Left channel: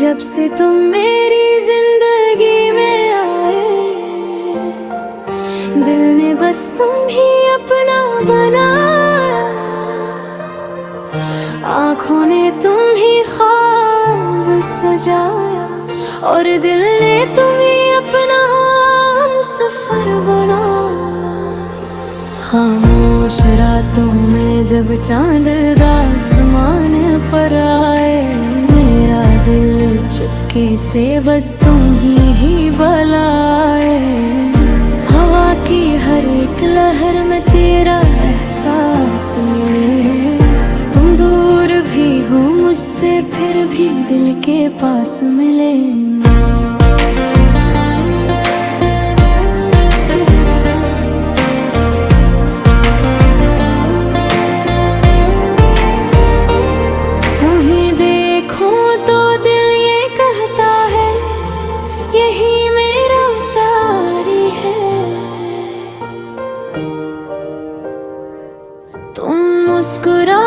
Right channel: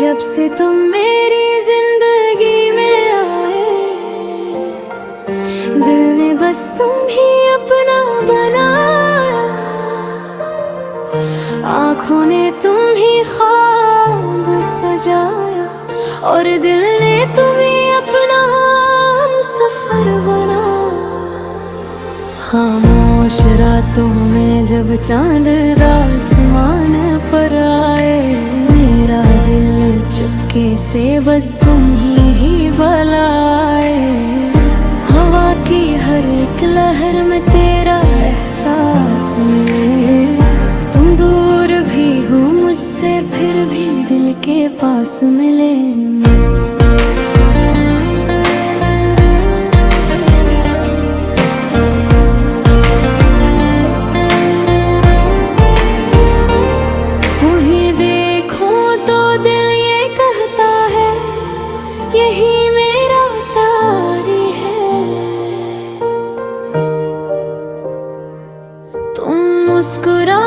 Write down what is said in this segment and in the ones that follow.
जब से तुम मेरी जिंदगी में आए, दिल ने बस तुम ही अपना बनाया। आँखों ने तुम ही ख्वाब सजाया और दिल ने तुम्हें अपना हमसफर बनाया। खामोश रातों में जब चांद आसमान पर आए, मेरा दिल चुपके से बस तुम ही बुलाए। हवा की हर एक लहर में तेरा एहसास मिले। तुम दूर भी हो मुझसे फिर भी दिल के पास मिले। यही मेरा तारी है। तुम मुस्कुरा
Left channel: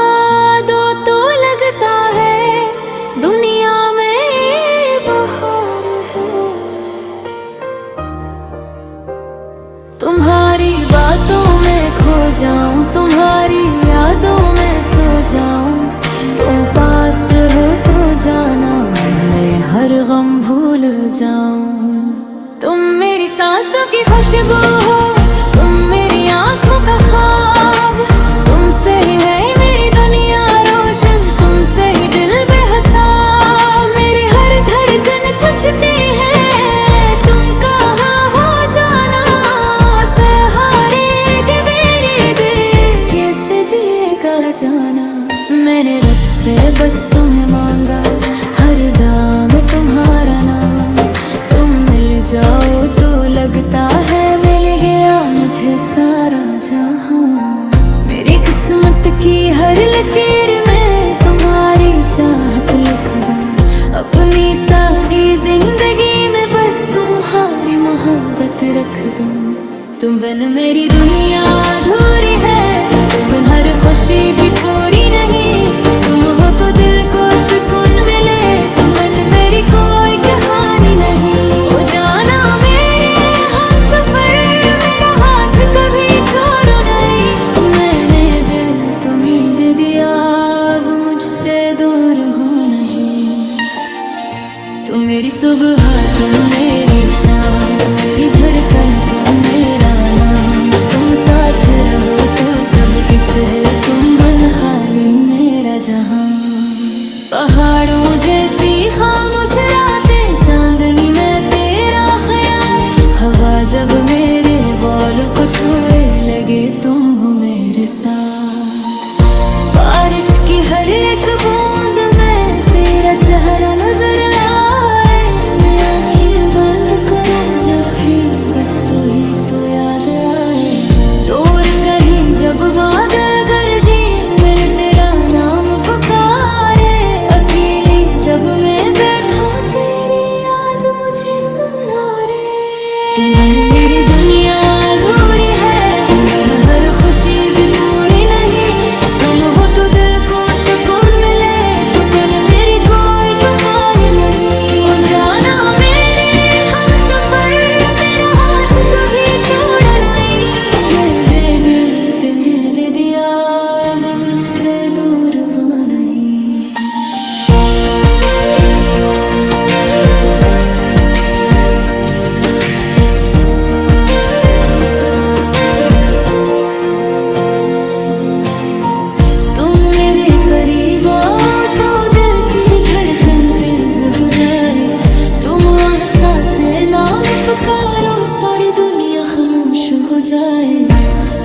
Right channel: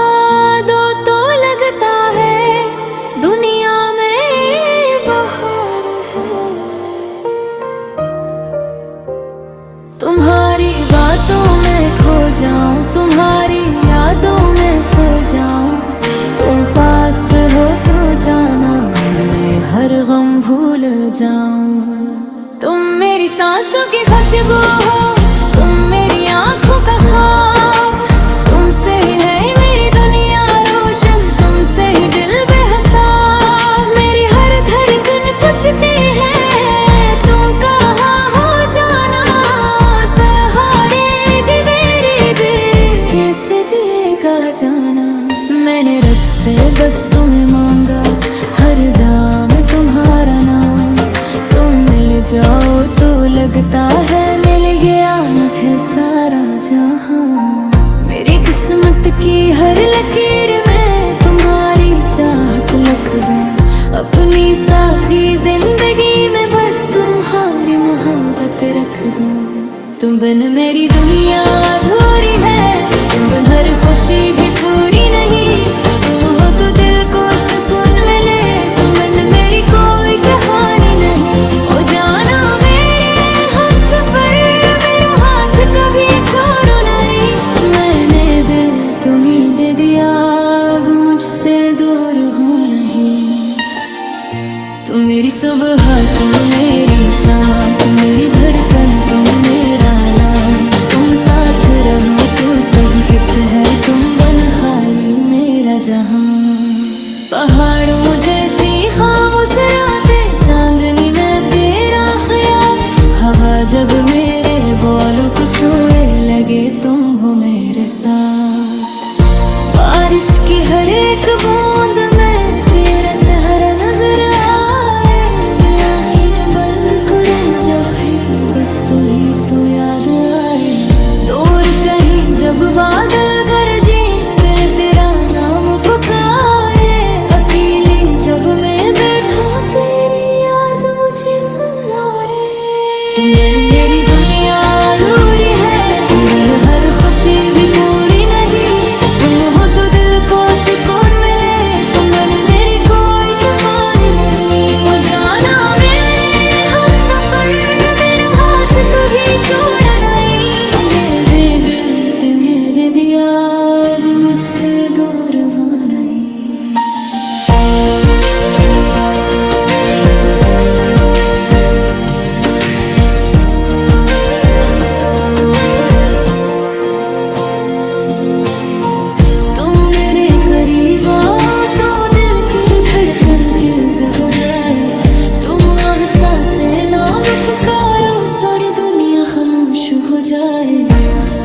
दो तो लगता है दुनिया में बहार है। तुम्हारी बातों में खो जाऊं, तुम्हारी यादों में सो जाऊं। तुम पास हो तो जाना मैं हर गम भूल जाऊं। तुम मेरी सांसों की खुशबू हो, तुम मेरी आंखों का ख्वाब। तुमसे ही है मेरी दुनिया रोशन, तुमसे ही दिल बेहिसाब। मेरी हर धड़कन पूछती है तुम कहाँ हो जाना। बहारेगी मेरी दिल कैसे जिएगा जाना। मैंने रब से बस तुम्हें मांगा, हर दाम तुम्हारा नाम। तुम मिल जाओ तो लगता है मिल गया मुझे सारा जहां। मेरी किस्मत की हर लकीर में तुम्हारी चाहत लिख दूं। अपनी सारी जिंदगी में बस तुम्हारी मोहब्बत रख दूं। तुम बिन मेरी दुनिया अधूरी है, तुम बिन हर खुशी भी पूरी नहीं। तुम हो तो दिल को सुकून मिले, तुम बिन मेरी कोई कहानी नहीं। ओ जाना मेरे हम सफर, मेरा हाथ कभी छोड़ो नहीं। मैंने दिल तुम्हीं दे दिया, अब मुझसे दूर हो नहीं। तुम मेरी सुबह, तुम मेरी शाम, तुम मेरी धड़कन, तुम मेरा नाम। तुम साथ रहो तो सब कुछ है, तुम बन खाली मेरा जहां। पहाड़ों जैसी खामोश रातें, चांदनी में तेरा ख्याल। हवा जब मेरे बालों को छुए लगे तुम हो मेरे साथ। बारिश की हर एक बूंद में तेरा चेहरा नजर आए। मैं आंखें बंद करूं जब भी बस तू ही तो याद आए। दूर कहीं जब बादल गरजे, मिल तेरा नाम पुकारे। अकेली जब मैं बैठूं तेरी याद मुझे सुनारे। तुम बिन मेरी दुनिया अधूरी है, तुम बिन हर खुशी भी पूरी नहीं। तुम हो तो दिल को सुकून मिले, तुम बिन मेरी कोई तूफानी नहीं। ओ जाना मेरे हम सफर, मेरा हाथ कभी छोड़ा नहीं। दे दिल तुम्हें दे दिया, अब मुझसे दूर वो नहीं। करीब आओ तो दिल की धड़कन तेज हो जाए। तुम आस्था से नाम पुकारो, सारी दुनिया खामोश हो जाए।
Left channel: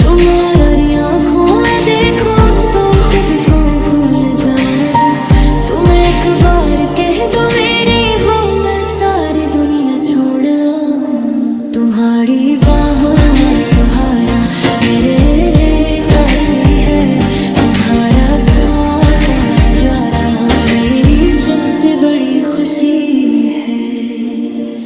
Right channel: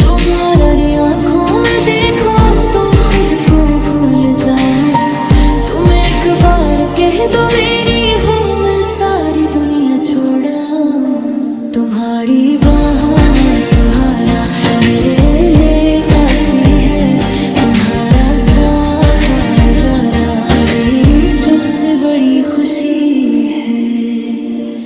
तुम्हारी आंखों में देखो तो खुद को भूल जाऊं। तुम एक बार कह दो मेरी हो, मैं सारी दुनिया छोड़ आऊं। तुम्हारी बाहों में सुहारा मेरे लिए काफी है। तुम्हारा साथ जाना मेरी सबसे बड़ी खुशी है।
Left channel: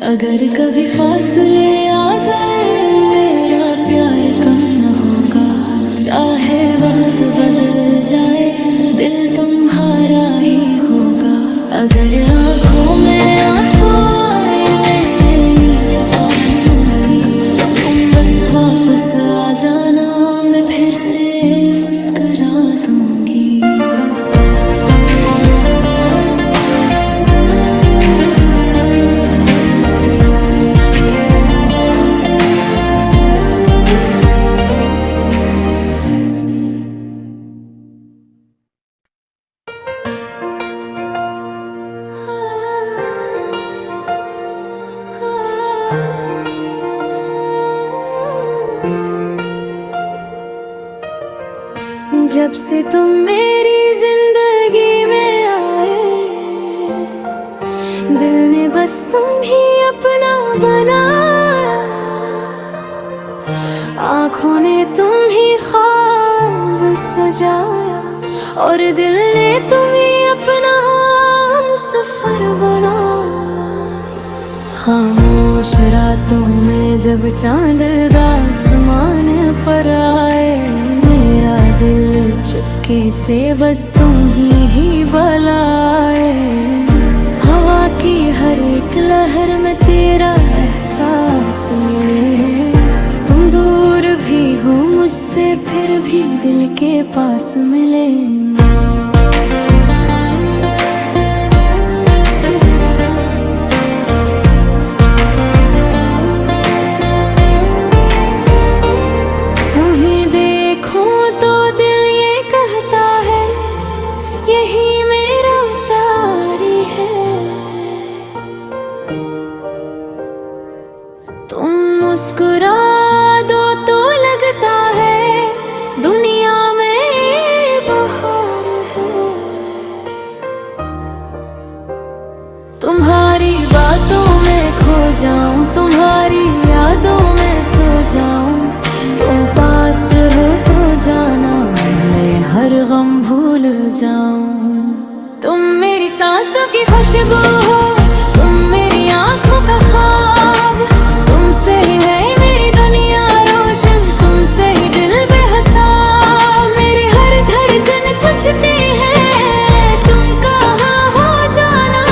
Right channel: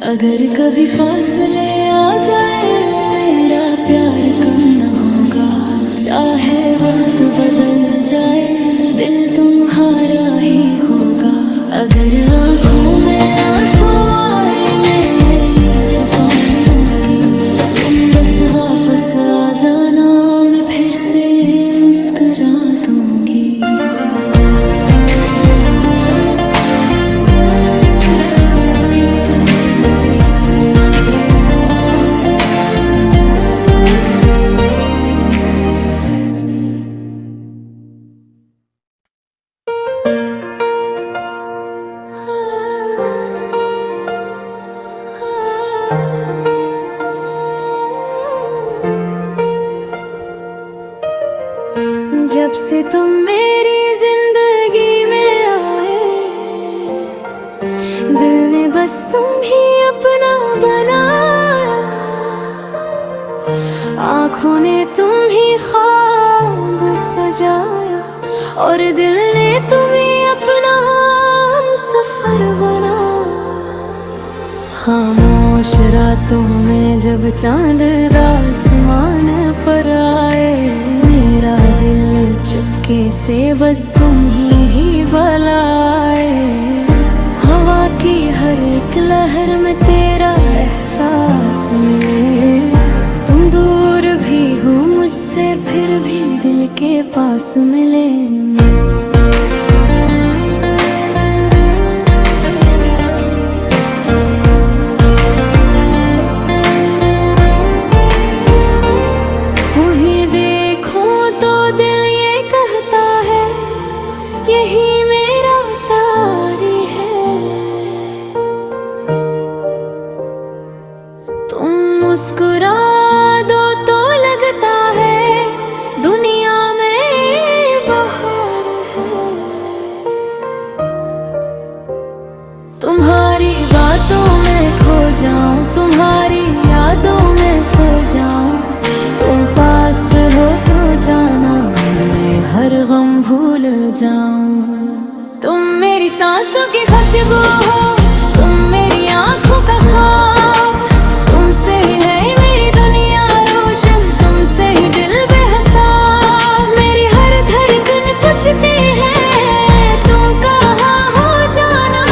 अगर कभी फासले आ जाए मेरा प्यार कम न होगा। चाहे वक्त बदल जाए दिल तुम्हारा ही होगा। अगर आँखों में आंसू आए मैं छुपा लूंगी, तुम बस वापस आ जाना, मैं फिर से मुस्कुरा दूंगी। जब से तुम मेरी जिंदगी में आए, दिल ने बस तुम ही अपना बनाया। आँखों ने तुम ही ख्वाब सजाया, और दिल ने तुम्हें अपना हमसफर बनाया। खामोश रातों में जब चांद आसमान पर आए, मेरा दिल चुपके से बस तुम ही बुलाए। हवा की हर एक लहर में तेरा एहसास मिले, तुम दूर भी हो मुझसे फिर भी दिल के पास मिले। यही मेरा तारी है, तुम मुस्कुरा दो तो लगता है दुनिया में बहार है। तुम्हारी बातों में खो जाऊं, तुम्हारी यादों में सो जाऊं, तुम पास हो तो जाना मैं हर गम भूल जाऊं। तुम मेरी सांसों की खुशबू हो, तुम मेरी आंखों का ख्वाब, तुमसे ही है मेरी दुनिया रोशन, तुमसे ही दिल बेहिसाब। मेरी हर धड़कन पूछती है तुम कहाँ हो जाना,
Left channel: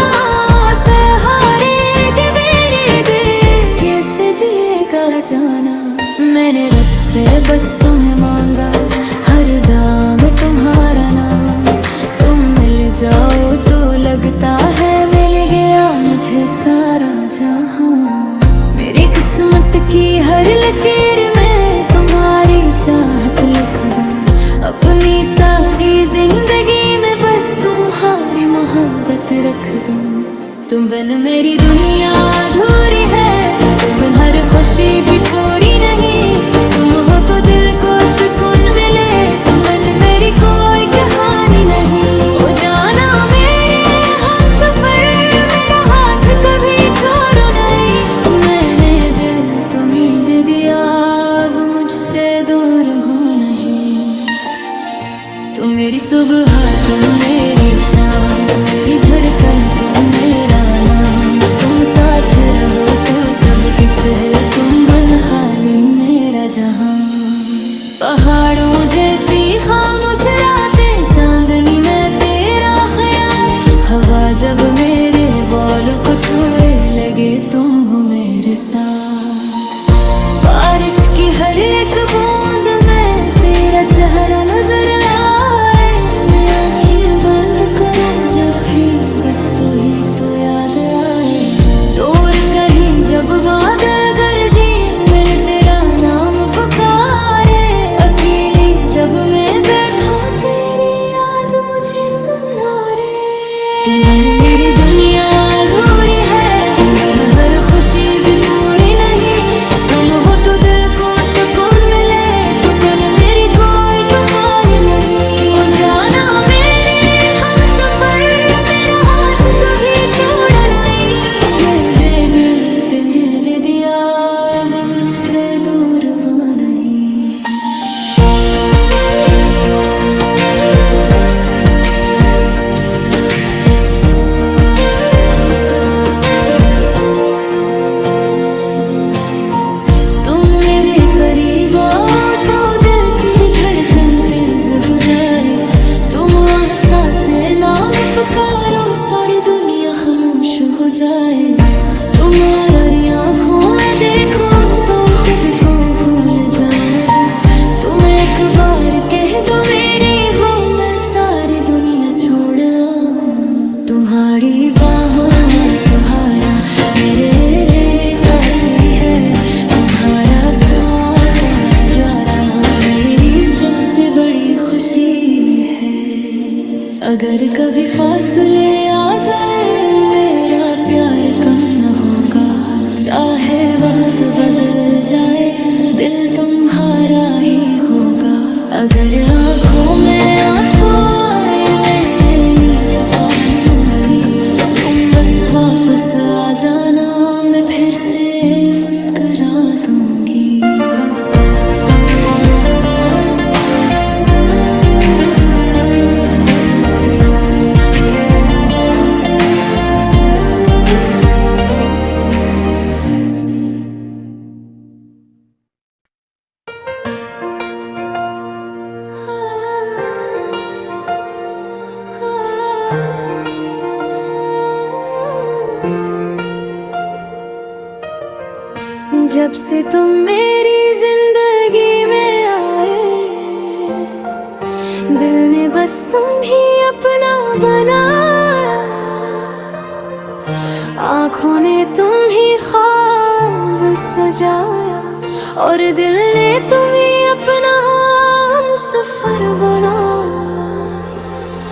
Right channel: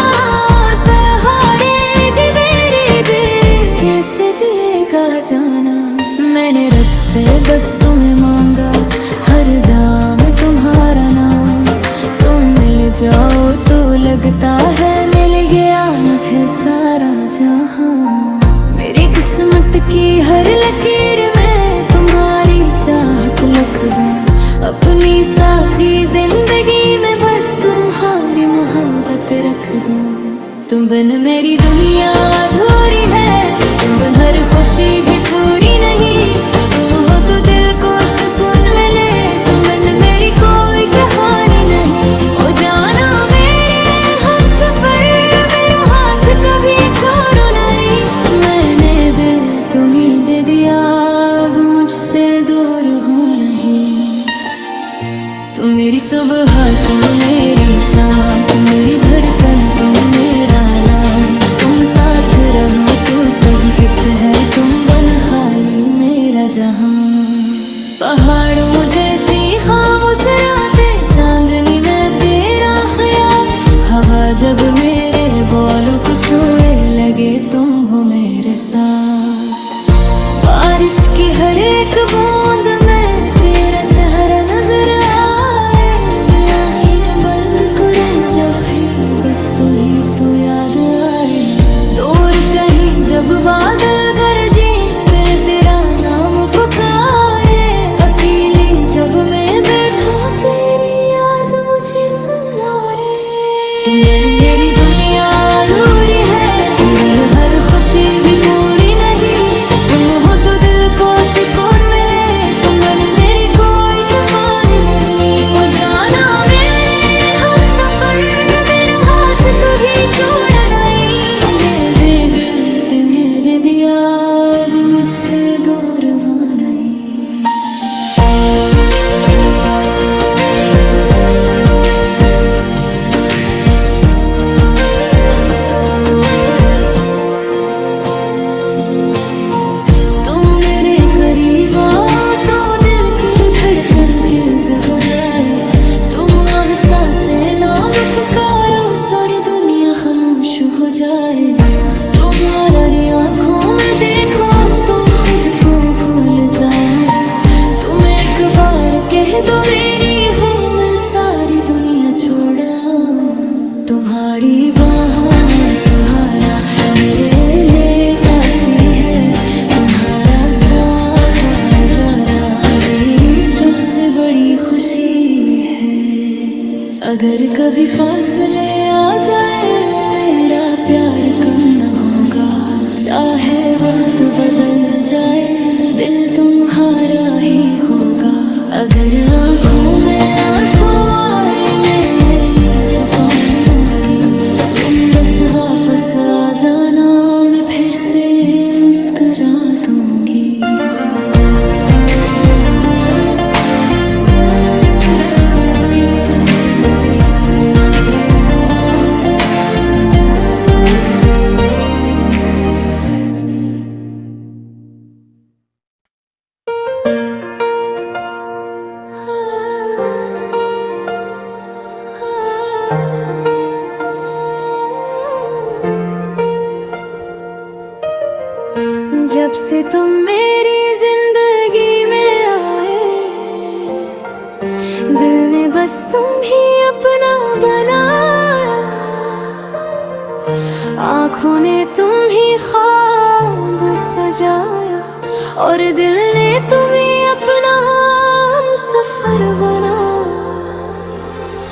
बहारे मेरी दिल कैसे जिएगा जाना। मैंने रब से बस तुम्हें मांगा, हर दाम तुम्हारा नाम, तुम मिल जाओ तो लगता है मिल गया मुझे सारा जहां। मेरी किस्मत की हर लकीर में तुम्हारी चाहत लिख दूं, अपनी सारी जिंदगी में बस तुम्हारी मोहब्बत रख दूं। तुम बिन मेरी दुनिया अधूरी है, तुम बिन हर खुशी भी पूरी नहीं, तुम हो तो दिल को सुकून मिले, तुम बिन मेरी कोई कहानी नहीं। ओ जाना मेरे हम सफर, मेरा हाथ कभी छोड़ो नहीं, मैंने दिल तुम्हीं दे दिया, अब मुझसे दूर हो नहीं। तुम मेरी सुबह, तुम मेरी शाम, तुम मेरी धड़कन, तुम मेरा नाम, तुम साथ रहो तो सब कुछ है, तुम बन खाली मेरा जहां। पहाड़ों जैसी खामोश रातें, चांदनी में तेरा ख्याल, हवा जब मेरे बालों को छुए लगे तुम हो मेरे साथ। बारिश की हर एक बूंद में तेरा चेहरा नजर आए, मैं आंखें बंद करूं जब भी बस तू ही तो याद आए। दूर कहीं जब बादल गरजे, मिल तेरा नाम पुकारे, अकेली जब मैं बैठूं तेरी याद मुझे सुनारे। तुम बिन मेरी दुनिया अधूरी है, तुम बिन हर खुशी भी पूरी नहीं, तुम हो तो दिल को सुकून मिले, तुम बिन मेरी कोई तूफानी नहीं। ओ जाना मेरे हम सफर, मेरा हाथ कभी छोड़ा नहीं, दे दिल तुम्हें दे दिया, अब मुझसे दूर वो नहीं। करीब आओ तो दिल की धड़कन तेज हो जाए, तुम आस्था से नाम पुकारो, सारी दुनिया खामोश हो जाए। तुम्हारी आंखों में देखो तो खुद को भूल जाओ। तुम एक बार कह दो मेरी हो, मैं सारी दुनिया छोड़ आऊं। तुम्हारी बाहों में सहारा मेरे लिए काफी है। तुम्हारा साथ जाना मेरी सबसे बड़ी खुशी है। अगर कभी फासले आ जाए मेरा प्यार कम न होगा। चाहे वक्त बदल जाए दिल तुम्हारा ही होगा। अगर आँखों में आंसू आए मैं छुपा लूंगी। तुम बस वापस आ जाना, मैं फिर से मुस्कुरा दूंगी। जब से तुम मेरी जिंदगी में आए, दिल ने बस तुम ही अपना बनाया। आँखों ने तुम ही ख्वाब सजाया, और दिल ने तुम्हें अपना हमसफर बनाया।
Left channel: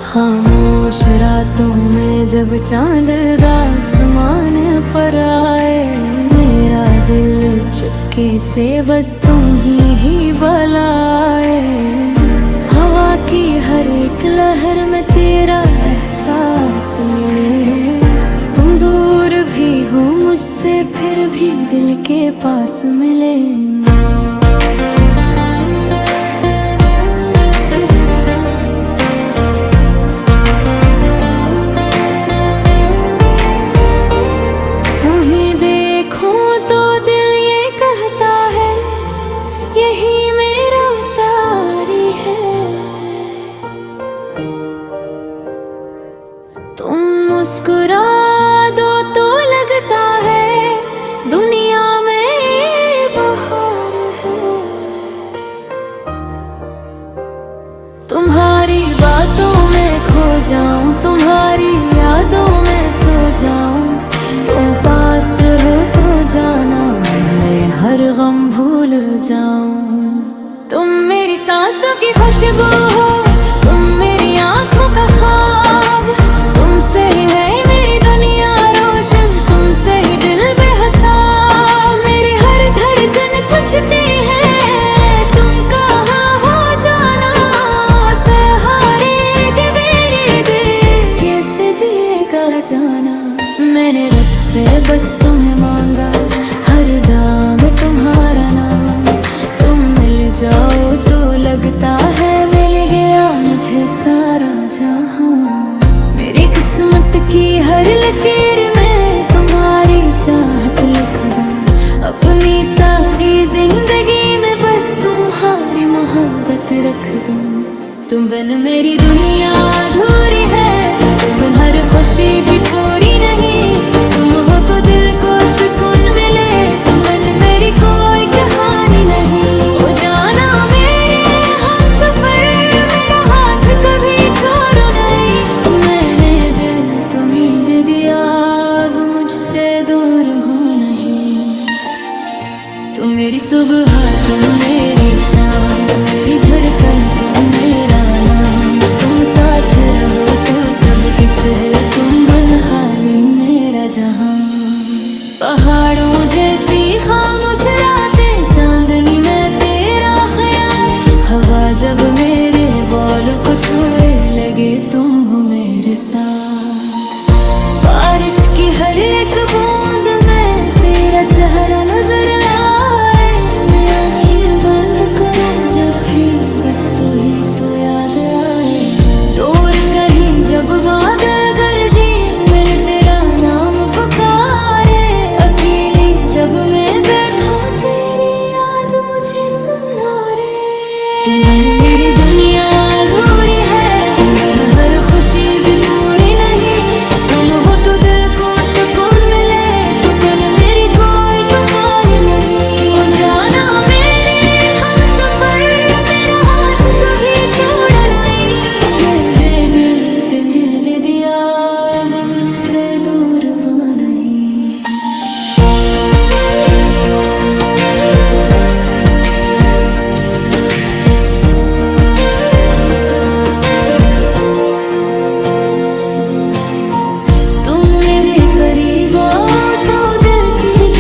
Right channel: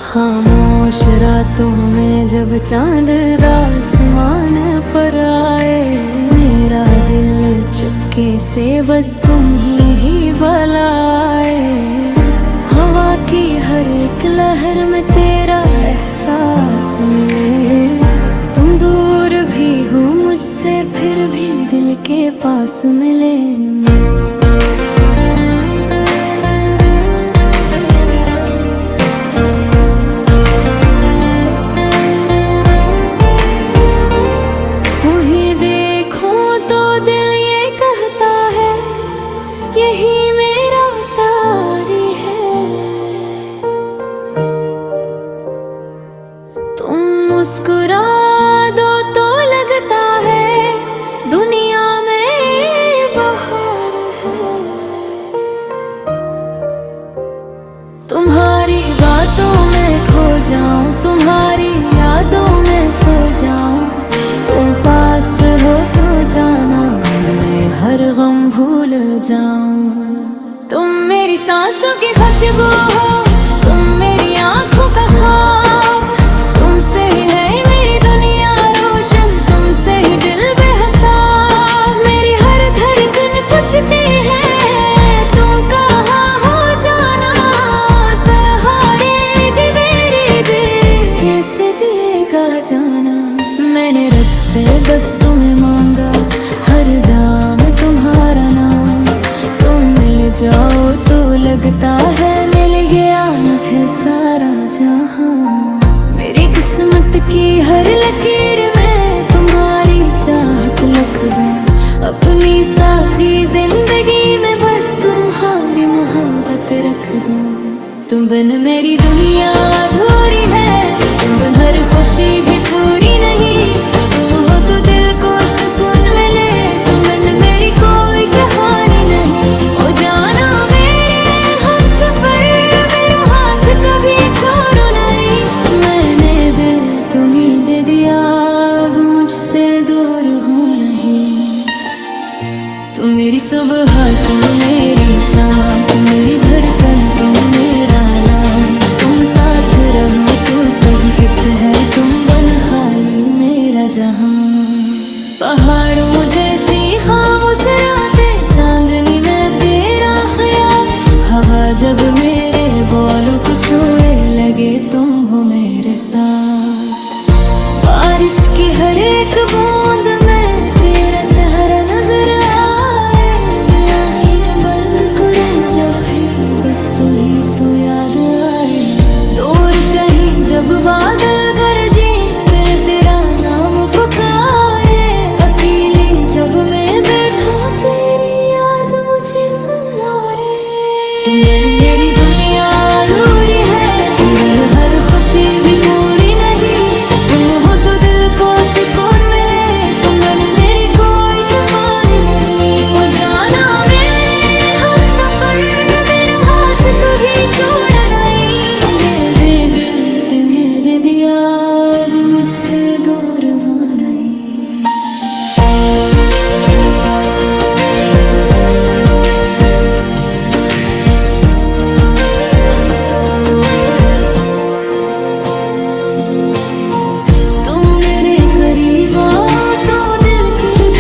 खामोश रातों में जब चांद आसमान पर आए, मेरा दिल चुपके से बस तुम ही बलाए। हवा की हर एक लहर में तेरा एहसास मिले। तुम दूर भी हो मुझसे फिर भी दिल के पास मिले। यही मेरा तारी है। तुम मुस्कुरा दो तो लगता है दुनिया में बहार है। तुम्हारी बातों में खो जाऊं, तुम्हारी यादों में सो जाऊं। तुम पास हो तो जाना मैं हर गम भूल जाऊं। तुम मेरी सांसों की खुशबू हो, तुम मेरी आंखों का ख्वाब। तुमसे ही है मेरी दुनिया रोशन, तुमसे ही दिल बेहिसाब। मेरी हर धड़कन पूछती है तुम कहाँ हो जाना। बहारेगी मेरी दिल कैसे जिएगा जाना। मैंने रब से बस तुम्हें मांगा, हर दाम तुम्हारा नाम। तुम मिल जाओ तो लगता है मिल गया मुझे सारा जहां। मेरी किस्मत की हर लकीर में तुम्हारी चाहत लिख दूं। अपनी सारी जिंदगी में बस तुम्हारी मोहब्बत रख दूं। तुम बिन मेरी दुनिया अधूरी है, तुम बिन हर खुशी भी पूरी नहीं। तुम हो तो दिल को सुकून मिले, तुम बिन मेरी कोई कहानी नहीं। ओ जाना मेरे हम सफर, मेरा हाथ कभी छोड़ो नहीं। मैंने दिल तुम्हीं दे दिया, अब मुझसे दूर हो नहीं। तुम मेरी सुबह, तुम मेरी शाम, तुम मेरी धड़कन, तुम मेरा नाम। तुम साथ रहो तो सब कुछ है, तुम बन खाली मेरा जहां। पहाड़ों जैसी खामोश रातें, चांदनी में तेरा ख्याल। हवा जब मेरे बालों को छुए लगे तुम हो मेरे साथ। बारिश की हर एक बूंद में तेरा चेहरा नजर आए। मैं आंखें बंद करूं जब भी बस तू ही तो याद आए। दूर कहीं जब बादल गरजे मिल तेरा नाम पुकारे। अकेली जब मैं बैठूं तेरी याद मुझे सुनारे। तुम मेरी दुनिया अधूरी है, तुम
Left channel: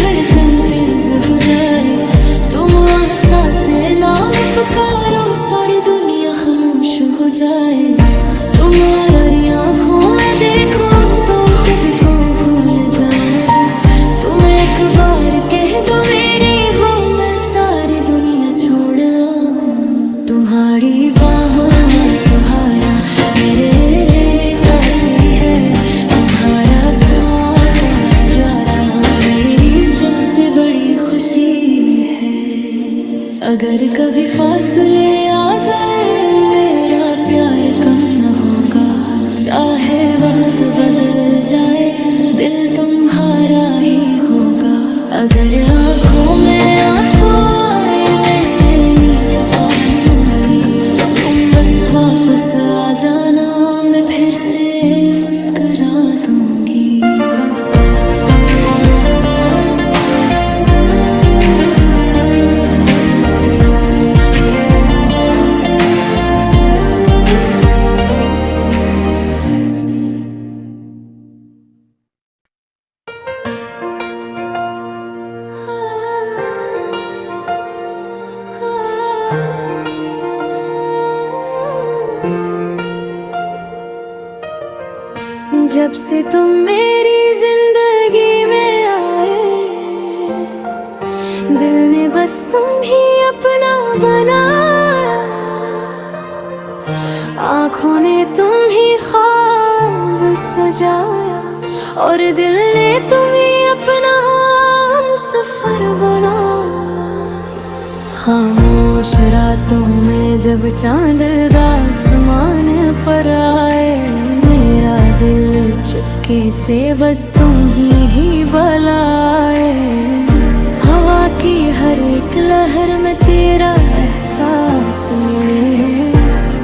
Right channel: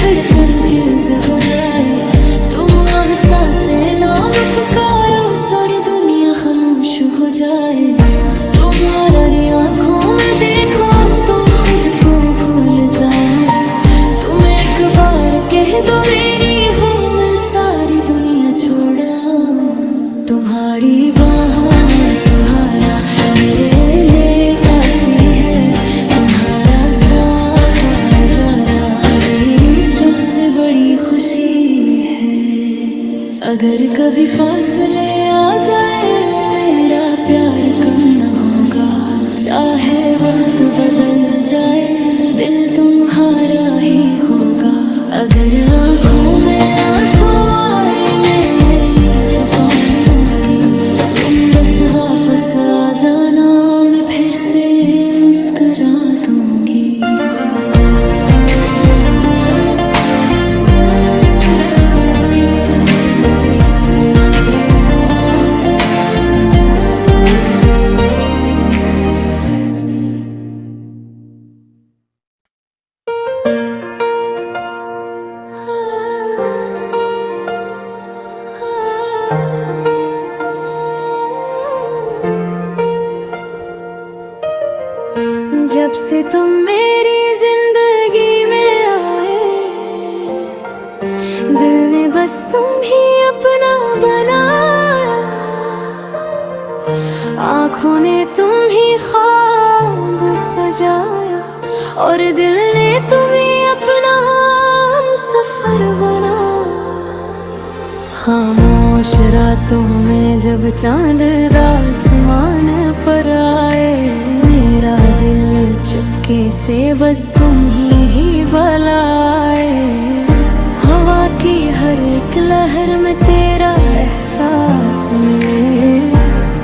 धड़कन तेज हो जाए, तुम आस्था से नाम पुकारो, सारी दुनिया खामोश हो जाए। तुम्हारी आंखों में देखो तो खुद को भूल जाऊं, तुम एक बार कह दो मेरी हो, मैं सारी दुनिया छोड़ आऊं। तुम्हारी बाहों में सुहारा मेरे लिए काफी है, तुम्हारा साथ नजारा मेरी सबसे बड़ी खुशी है। अगर कभी फासले आ जाए मेरा प्यार कम न होगा, चाहे वक्त बदल जाए दिल तुम्हारा ही होगा। अगर आँखों में आंसू आए मैं छुपा लूंगी, तुम बस वापस आ जाना, मैं फिर से मुस्कुरा दूंगी। जब से तुम मेरी जिंदगी में आए, दिल ने बस तुम ही अपना बनाया, आँखों ने तुम ही ख्वाब सजाया, और दिल ने तुम्हें अपना हमसफर बनाया। खामोश रातों में जब चांद आसमान पर आए, मेरा दिल चुपके से बस तुम ही बुलाए। हवा की हर एक लहर में तेरा एहसास मिले,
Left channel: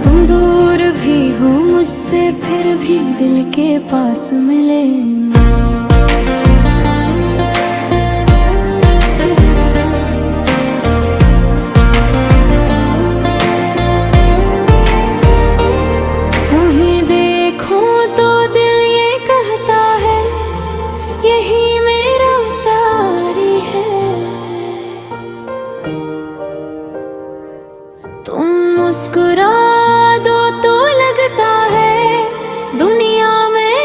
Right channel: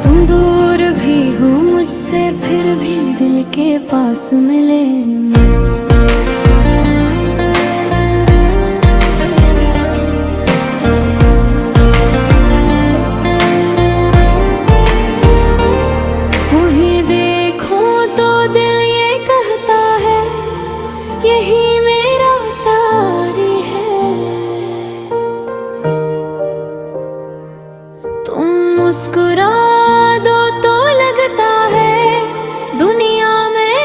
तुम दूर भी हो मुझसे फिर भी दिल के पास मिले। यही मेरा तारी है, तुम मुस्कुरा दो तो लगता है दुनिया में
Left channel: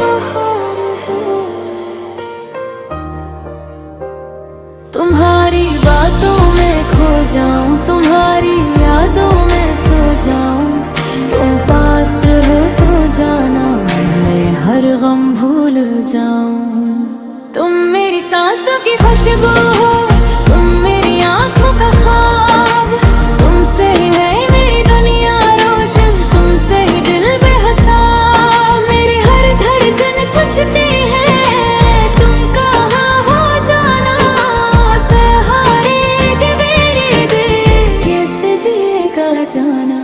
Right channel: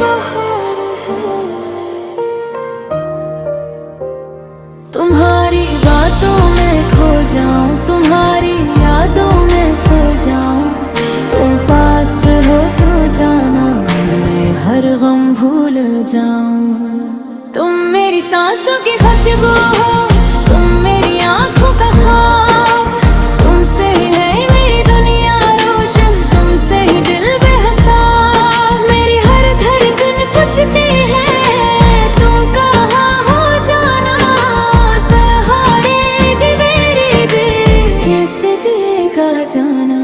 बहार है। तुम्हारी बातों में खो जाऊं, तुम्हारी यादों में सो जाऊं, तुम पास हो तो जाना मैं हर गम भूल जाऊं। तुम मेरी सांसों की खुशबू हो, तुम मेरी आंखों का ख्वाब, तुमसे ही है मेरी दुनिया रोशन, तुमसे ही दिल बेहिसाब। मेरी हर धड़कन पूछती है तुम कहाँ हो जाना, बहारे मेरी दिल कैसे जिएगा जाना।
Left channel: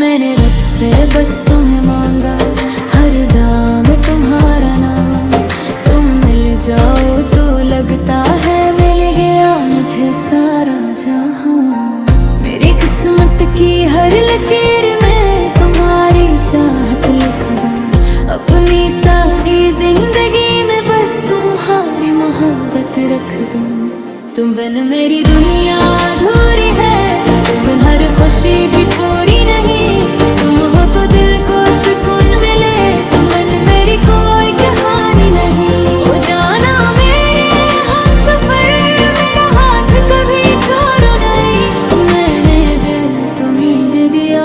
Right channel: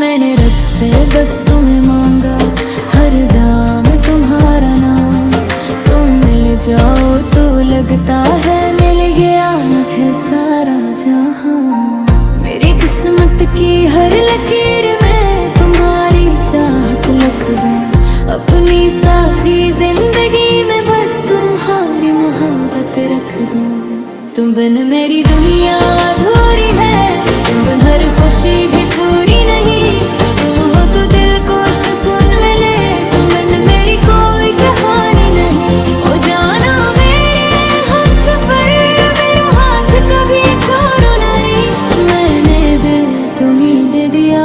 मैंने रब से बस तुम्हें मांगा, हर दाम तुम्हारा नाम, तुम मिल जाओ तो लगता है मिल गया मुझे सारा जहां। मेरी किस्मत की हर लकीर में तुम्हारी चाहत लिख दूं, अपनी सारी जिंदगी में बस तुम्हारी मोहब्बत रख दूं। तुम बिन मेरी दुनिया अधूरी है, तुम बिन हर खुशी भी पूरी नहीं, तुम हो तो दिल को सुकून मिले, तुम बिन मेरी कोई कहानी नहीं। ओ जाना मेरे हम सफर, मेरा हाथ कभी छोड़ो नहीं, मैंने दिल तुम्हीं दे दिया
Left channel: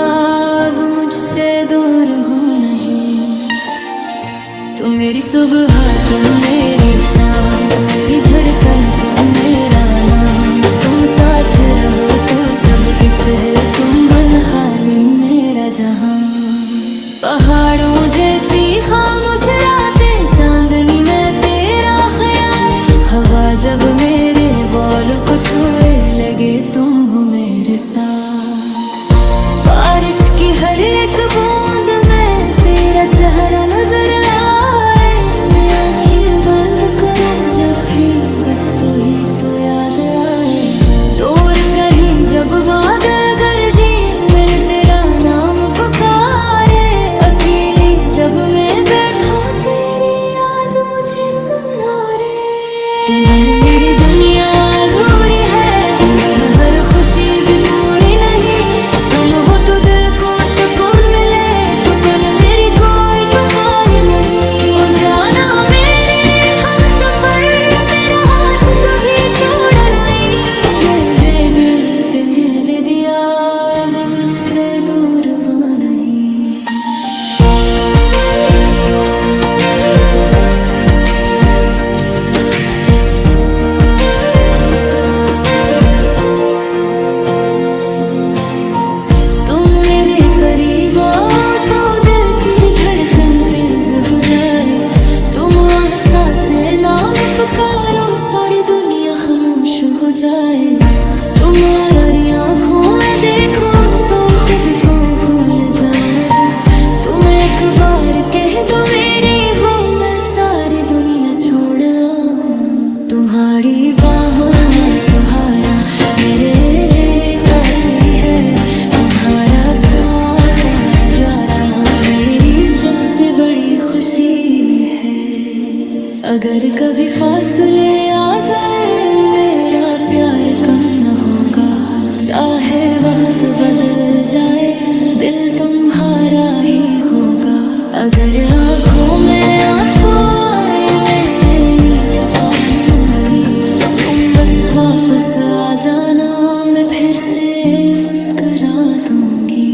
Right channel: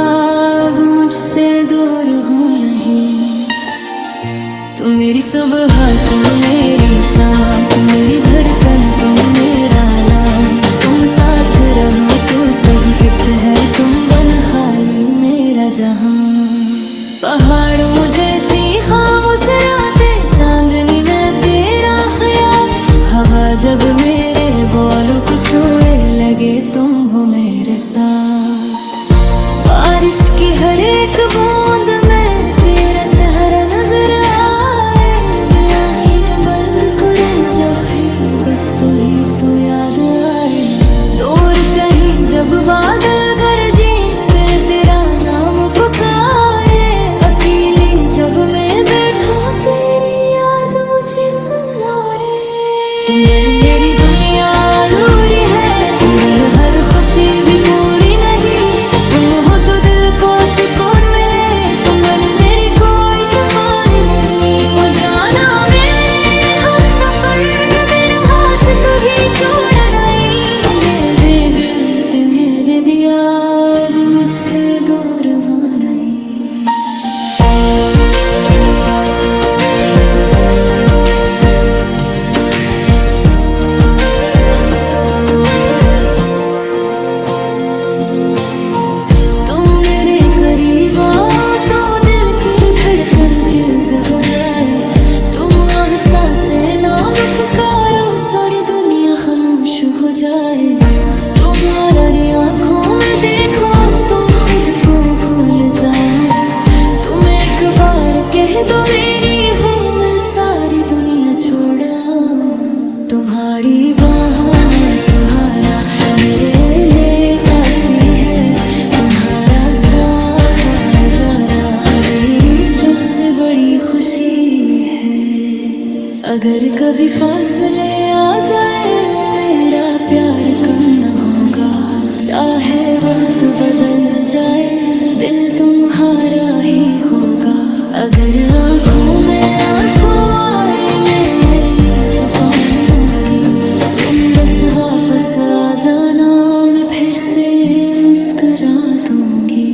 अब मुझसे दूर हो नहीं। तुम मेरी सुबह तुम मेरी शाम, तुम मेरी धड़कन तुम मेरा नाम, तुम साथ रहो तो सब कुछ है, तुम बन खाली मेरा जहां। पहाड़ों जैसी खामोश रातें, चांदनी में तेरा ख्याल, हवा जब मेरे बालों को छुए लगे तुम हो मेरे साथ। बारिश की हर एक बूंद में तेरा चेहरा नजर आए, मैं आंखें बंद करूं जब भी बस तू ही तो याद आए। दूर कहीं जब बादल गरजे मिल तेरा नाम पुकारे, अकेली जब मैं बैठूं तेरी याद मुझे सुनारे। तुम बिन मेरी दुनिया अधूरी है, तुम बिन हर खुशी भी पूरी नहीं। तुम हो तो दिल को सुकून मिले, तुम बिन मेरी कोई तूफानी नहीं। ओ जाना मेरे हम सफर, मेरा हाथ कभी छोड़ा नहीं। दे दिल तुम्हें दे दिया, अब मुझसे दूर वो नहीं। करीब आओ तो दिल की धड़कन तेज हो जाए। तुम आहिस्ता से नाम पुकारो, सारी दुनिया खामोश हो जाए। तुम्हारी आंखों में देखो तो खुद को भूल जाऊं। तुम एक बार कह दो मेरी हो, मैं सारी दुनिया छोड़ आऊं। तुम्हारी बाहों में सुहारा मेरे लिए काफी है। तुम्हारा साथ जाना मेरी सबसे बड़ी खुशी है। अगर कभी फासले आ जाए, मेरा प्यार कम न होगा। चाहे वक्त बदल जाए, दिल तुम्हारा ही होगा। अगर आँखों में आंसू आए, मैं छुपा लूंगी। तुम बस वापस आ जाना, मैं फिर से मुस्कुरा दूंगी।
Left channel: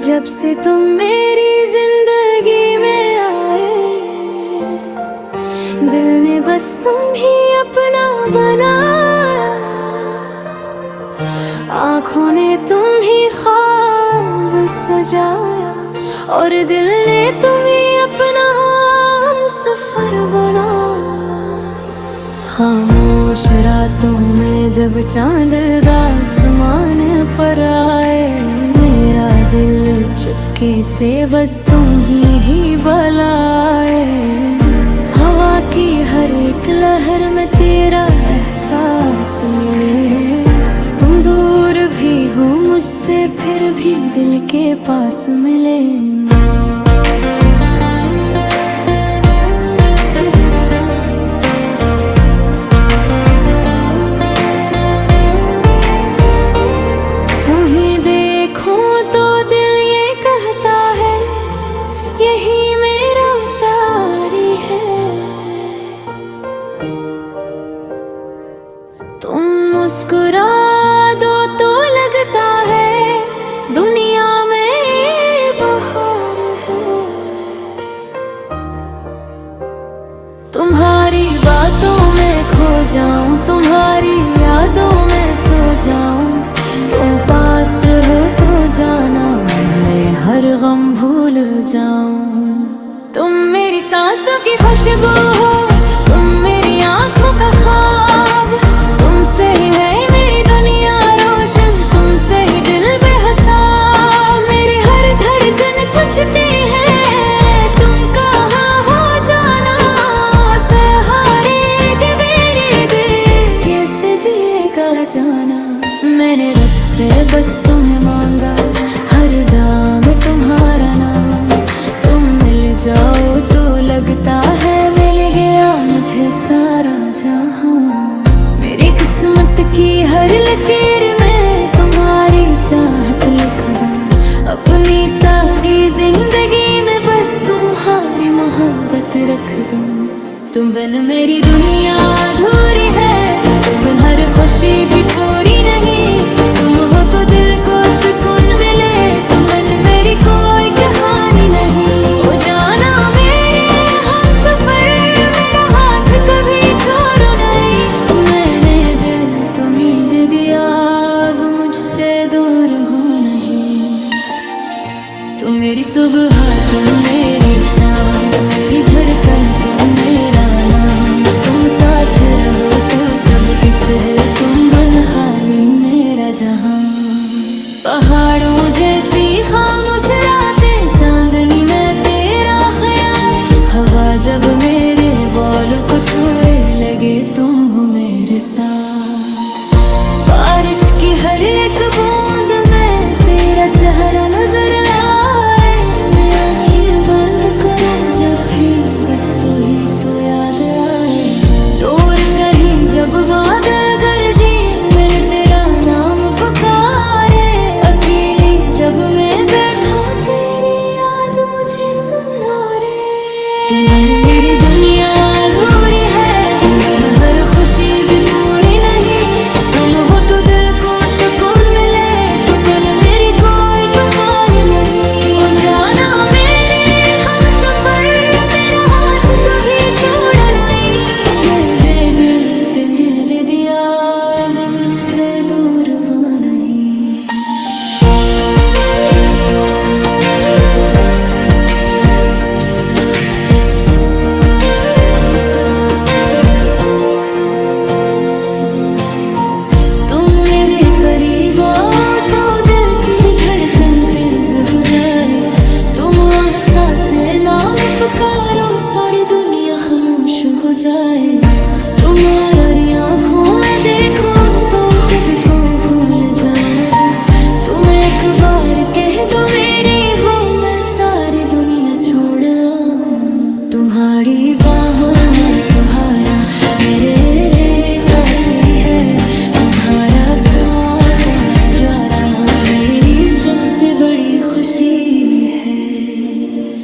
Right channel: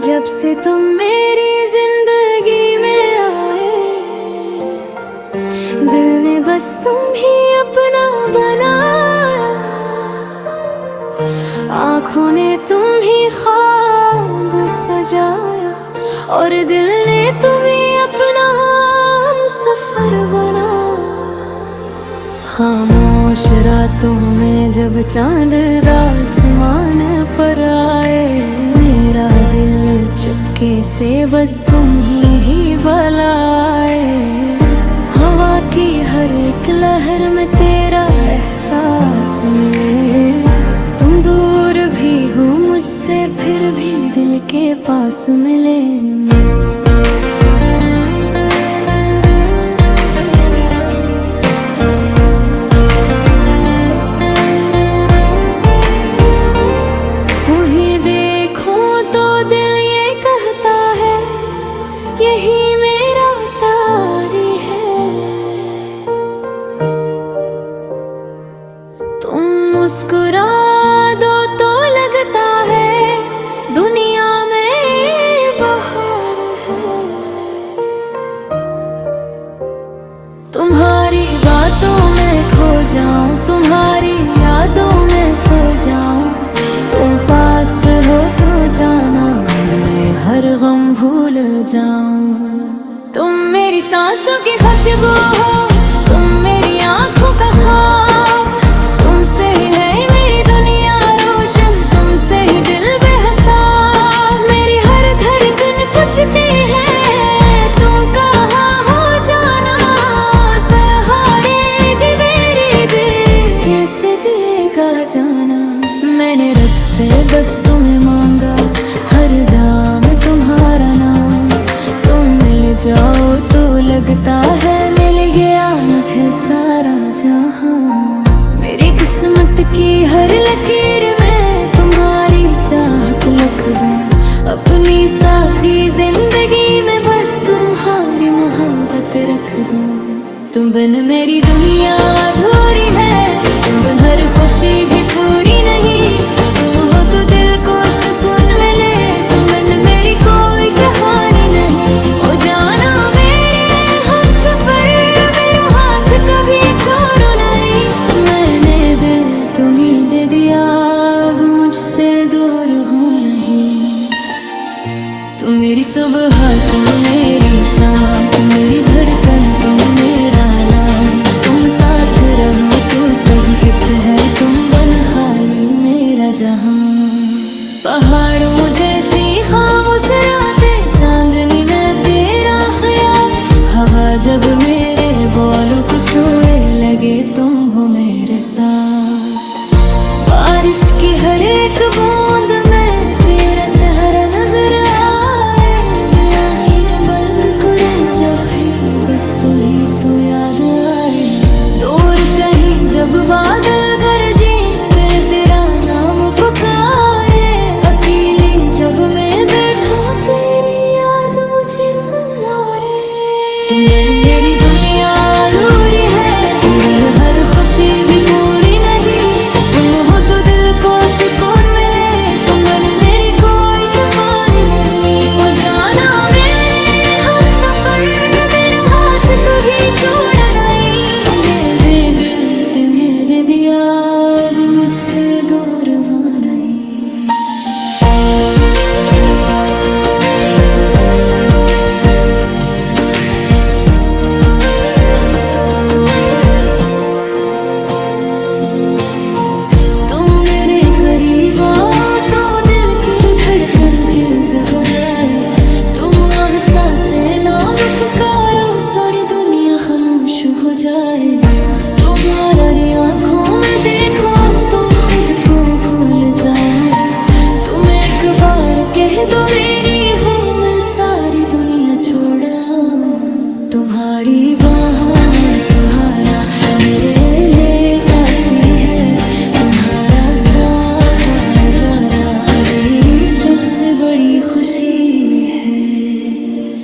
जब से तुम मेरी जिंदगी में आए, दिल ने बस तुम ही अपना बनाया। आँखों ने तुम ही ख्वाब सजाया, और दिल ने तुम्हें अपना हमसफर बनाया। खामोश रातों में जब चांद आसमान पर आए, मेरा दिल चुपके से बस तुम ही बुलाए। हवा की हर एक लहर में तेरा एहसास मिले। तुम दूर भी हो मुझसे, फिर भी दिल के पास मिले। यही मेरा तारी है। तुम मुस्कुरा दो तो लगता है दुनिया में बहार है। तुम्हारी बातों में खो जाऊं, तुम्हारी यादों में सो जाऊं। तुम पास हो तो जाना, मैं हर गम भूल जाऊं। तुम मेरी सांसों की खुशबू हो, तुम मेरी आंखों का ख्वाब। तुमसे ही है मेरी दुनिया रोशन, तुमसे ही दिल बेहिसाब। मेरी हर धड़कन पूछती है तुम कहाँ हो जाना। हारेगी मेरी दिल, कैसे जिएगा जाना। मैंने रब से बस तुम्हें मांगा, हर दाम तुम्हारा नाम। तुम मिल जाओ तो लगता है मिल गया मुझे सारा जहां। मेरी किस्मत की हर लकीर में तुम्हारी चाहत लिख दूं। अपनी सारी जिंदगी में बस तुम्हारी मोहब्बत रख दूं। तुम बिन मेरी दुनिया अधूरी है, तुम बिन हर खुशी भी पूरी नहीं। तुम हो तो दिल को सुकून मिले, तुम बिन मेरी कोई कहानी नहीं। ओ जाना मेरे हम सफर, मेरा हाथ कभी छोड़ो नहीं। मैंने दिल तुम्हीं दे दिया, अब मुझसे दूर हो नहीं। तुम मेरी सुबह, तुम मेरी शाम, तुम मेरी धड़कन, तुम मेरा नाम। तुम साथ साथ रहो तो सब कुछ है, तुम बन खाली मेरा जहां। पहाड़ों जैसी खामोश रातें, चांदनी में तेरा ख्याल। हवा जब मेरे बालों को छुए, लगे तुम हो मेरे साथ। बारिश की हर एक बूंद में तेरा चेहरा नजर आए। मैं आंखें बंद करूं जब भी, बस तू ही तो याद आए। दूर कहीं जब बादल गरजे, मिले तेरा नाम पुकारे। अकेली जब मैं बैठूं, तेरी याद मुझे सुनारे। तुम बिन मेरी दुनिया अधूरी है, तुम बिन हर खुशी भी पूरी नहीं। तुम हो तो दिल को सुकून मिले, तुम बिन मेरी कोई तूफानी नहीं। ओ जाना मेरे हम सफर, मेरा हाथ कभी छोड़ा नहीं। दे दिल तुम्हें दे दिया, अब मुझसे दूर वो नहीं। करीब आओ तो दिल की धड़कन तेज हो जाए। तुम आस्था से नाम पुकारो, सारी दुनिया खामोश हो जाए। तुम्हारी आंखों में देखो तो खुद को भूल जाऊं। तुम एक बार कह दो मेरी हो, मैं सारी दुनिया छोड़ आऊं। तुम्हारी बाहों में सहारा मेरे लिए काफी है। तुम्हारा साथ जाना मेरी सबसे बड़ी खुशी है।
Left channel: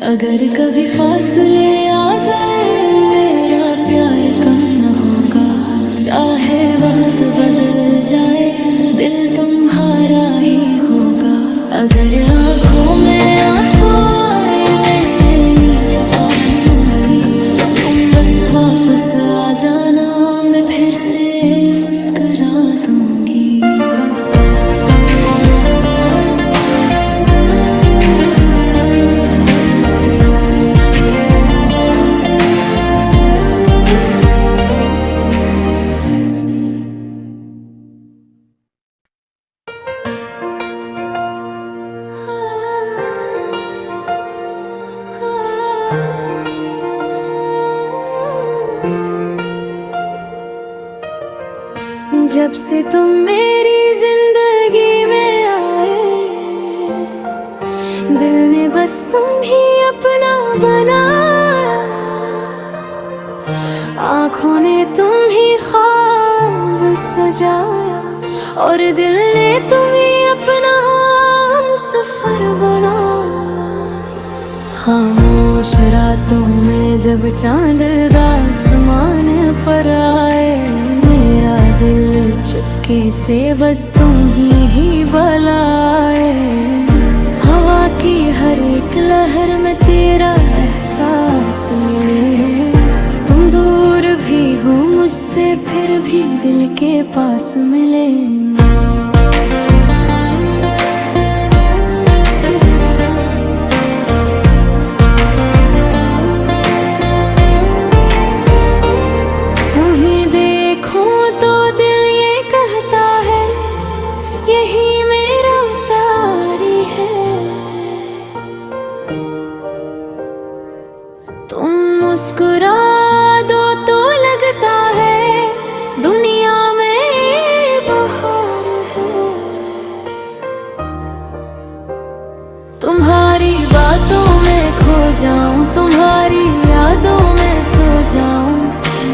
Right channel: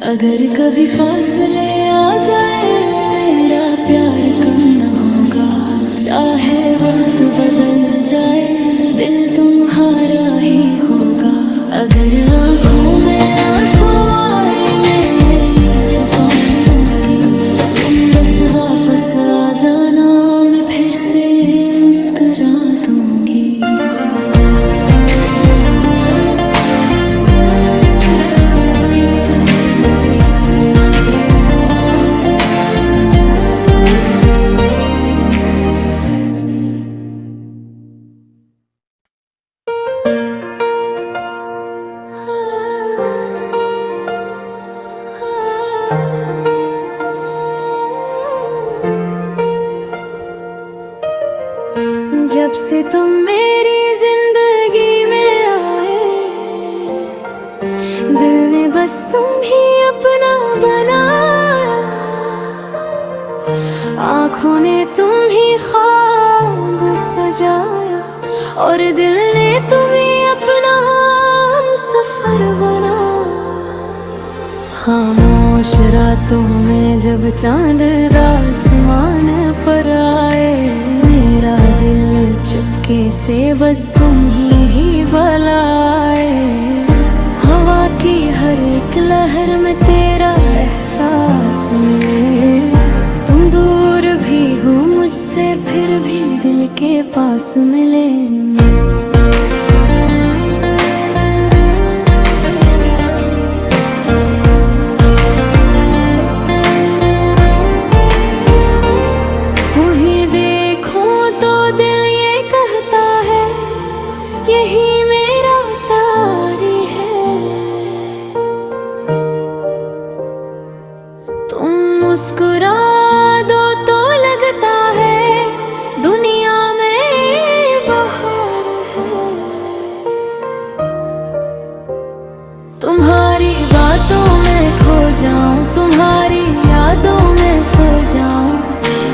अगर कभी फासले आ जाए, मेरा प्यार कम न होगा। चाहे वक्त बदल जाए, दिल तुम्हारा ही होगा। अगर आंखों में आंसू आए, मैं छुपा लूंगी। तुम बस वापस आ जाना, मैं फिर से मुस्कुरा दूंगी। जब से तुम मेरी जिंदगी में आए, दिल ने बस तुम ही अपना बनाया। आँखों ने तुम ही ख्वाब सजाया, और दिल ने तुम्हें अपना हमसफर बनाया। खामोश रातों में जब चांद आसमान पर आए, मेरा दिल चुपके से बस तुम ही बुलाए। हवा की हर एक लहर में तेरा एहसास मिले। तुम दूर भी हो मुझसे, फिर भी दिल के पास मिले। यही मेरा तारी है। तुम मुस्कुरा दो तो लगता है दुनिया में बहार है। तुम्हारी बातों में खो जाऊं, तुम्हारी यादों में सो जाऊं।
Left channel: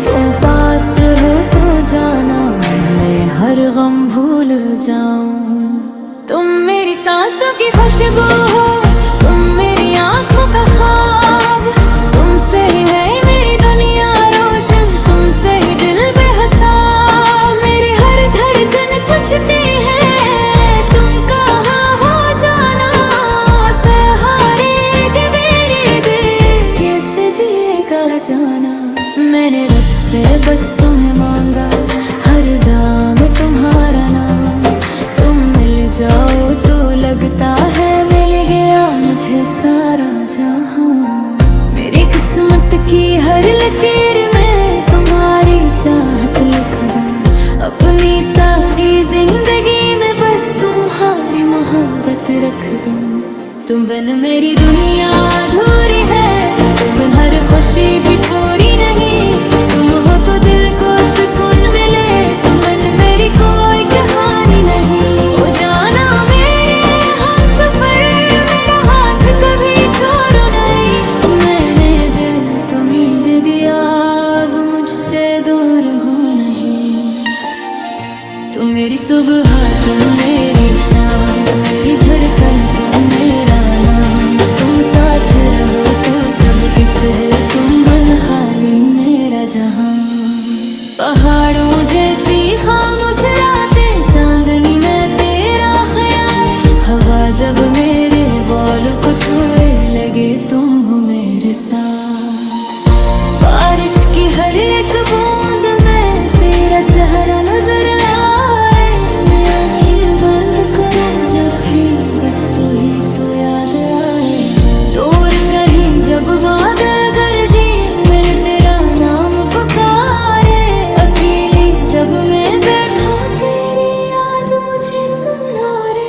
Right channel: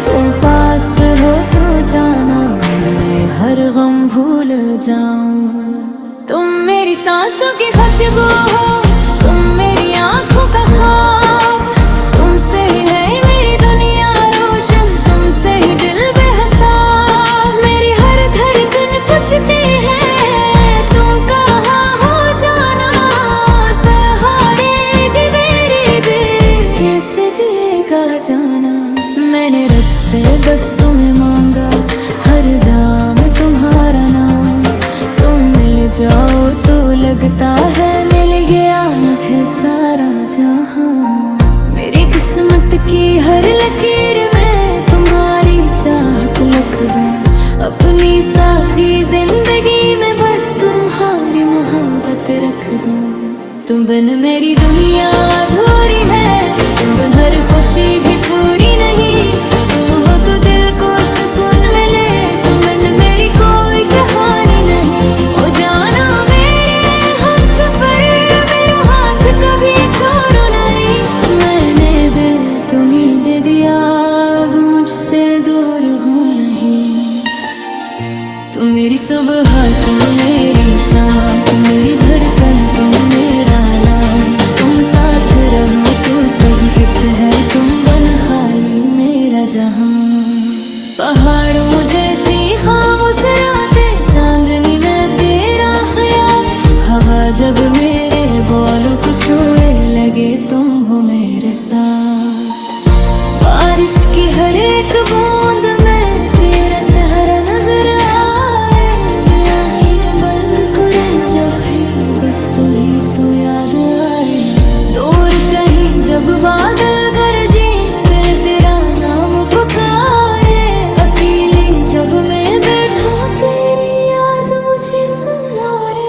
तुम पास हो तो जाना, मैं हर गम भूल जाऊं। तुम मेरी सांसों की खुशबू हो, तुम मेरी आंखों का ख्वाब। तुमसे ही है मेरी दुनिया रोशन, तुमसे ही दिल बेहिसाब। मेरी हर धड़कन पूछती है तुम कहाँ हो जाना। बहारेगी मेरी दिल, कैसे जिएगा जाना। मैंने रब से बस तुम्हें मांगा, हर दाम तुम्हारा नाम। तुम मिल जाओ तो लगता है मिल गया मुझे सारा जहां। मेरी किस्मत की हर लकीर में तुम्हारी चाहत लिख दूं अपनी सारी जिंदगी में, बस तुम्हारी मोहब्बत रख दूं। तुम बिन मेरी दुनिया अधूरी है, तुम बिन हर खुशी भी पूरी नहीं। तुम हो तो दिल को सुकून मिले, तुम बिन मेरी कोई कहानी नहीं। ओ जाना मेरे हम सफर, मेरा हाथ कभी छोड़ो नहीं। मैंने दिल तुम्हीं दे दिया, अब मुझसे दूर हो नहीं। तुम मेरी सुबह, तुम मेरी शाम, तुम मेरी धड़कन, तुम मेरा नाम। तुम साथ रहो तो सब कुछ है, तुम बन खाली मेरा जहां। पहाड़ों जैसी खामोश रातें, चांदनी में तेरा ख्याल। हवा जब मेरे बालों को छुए, लगे तुम हो मेरे साथ। बारिश की हर एक बूंद में तेरा चेहरा नजर आए। मैं आंखें बंद करूं जब भी, बस तू ही तो याद आए। दूर कहीं जब बादल गरजे, मिले तेरा नाम पुकारे। अकेली जब मैं बैठूं, तेरी याद मुझे सुनारे।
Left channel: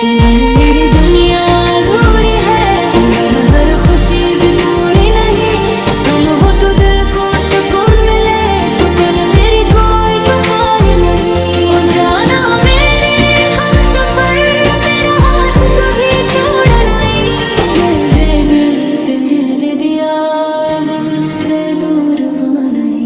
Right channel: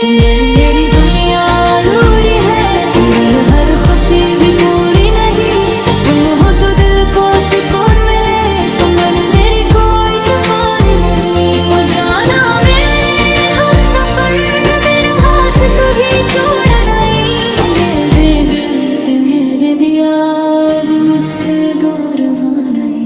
तुम बिन मेरी दुनिया अधूरी है, तुम बिन हर खुशी भी पूरी नहीं। तुम हो तो दिल को सुकून मिले, तुम बिन मेरी कोई तूफानी नहीं। ओ जाना मेरे हम सफर, मेरा हाथ कभी छोड़ा नहीं। दे दिल तुम्हें दे दिया, अब मुझसे दूर वो नहीं।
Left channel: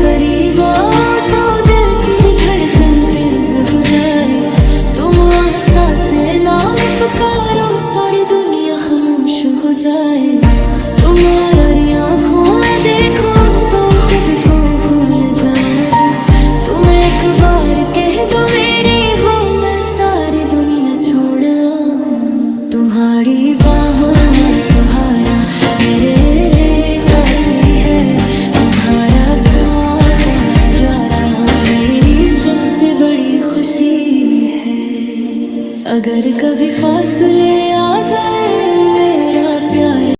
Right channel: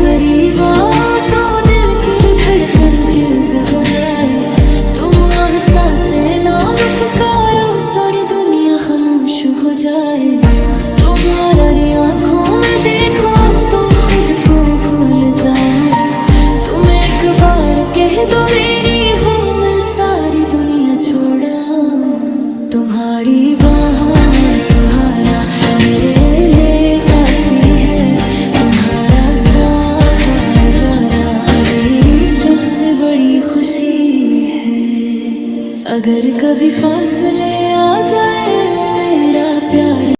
करीब आओ तो दिल की धड़कन तेज हो जाए। तुम आस्था से नाम पुकारो, सारी दुनिया खामोश हो जाए। तुम्हारी आंखों में देखो तो खुद को भूल जाऊं। तुम एक बार कह दो मेरी हो, मैं सारी दुनिया छोड़ आऊं। तुम्हारी बाहों में सुहारा मेरे लिए काफी है। तुम्हारा साथ जाना मेरी सबसे बड़ी खुशी है। अगर कभी फासले आ जाए, मेरा प्यार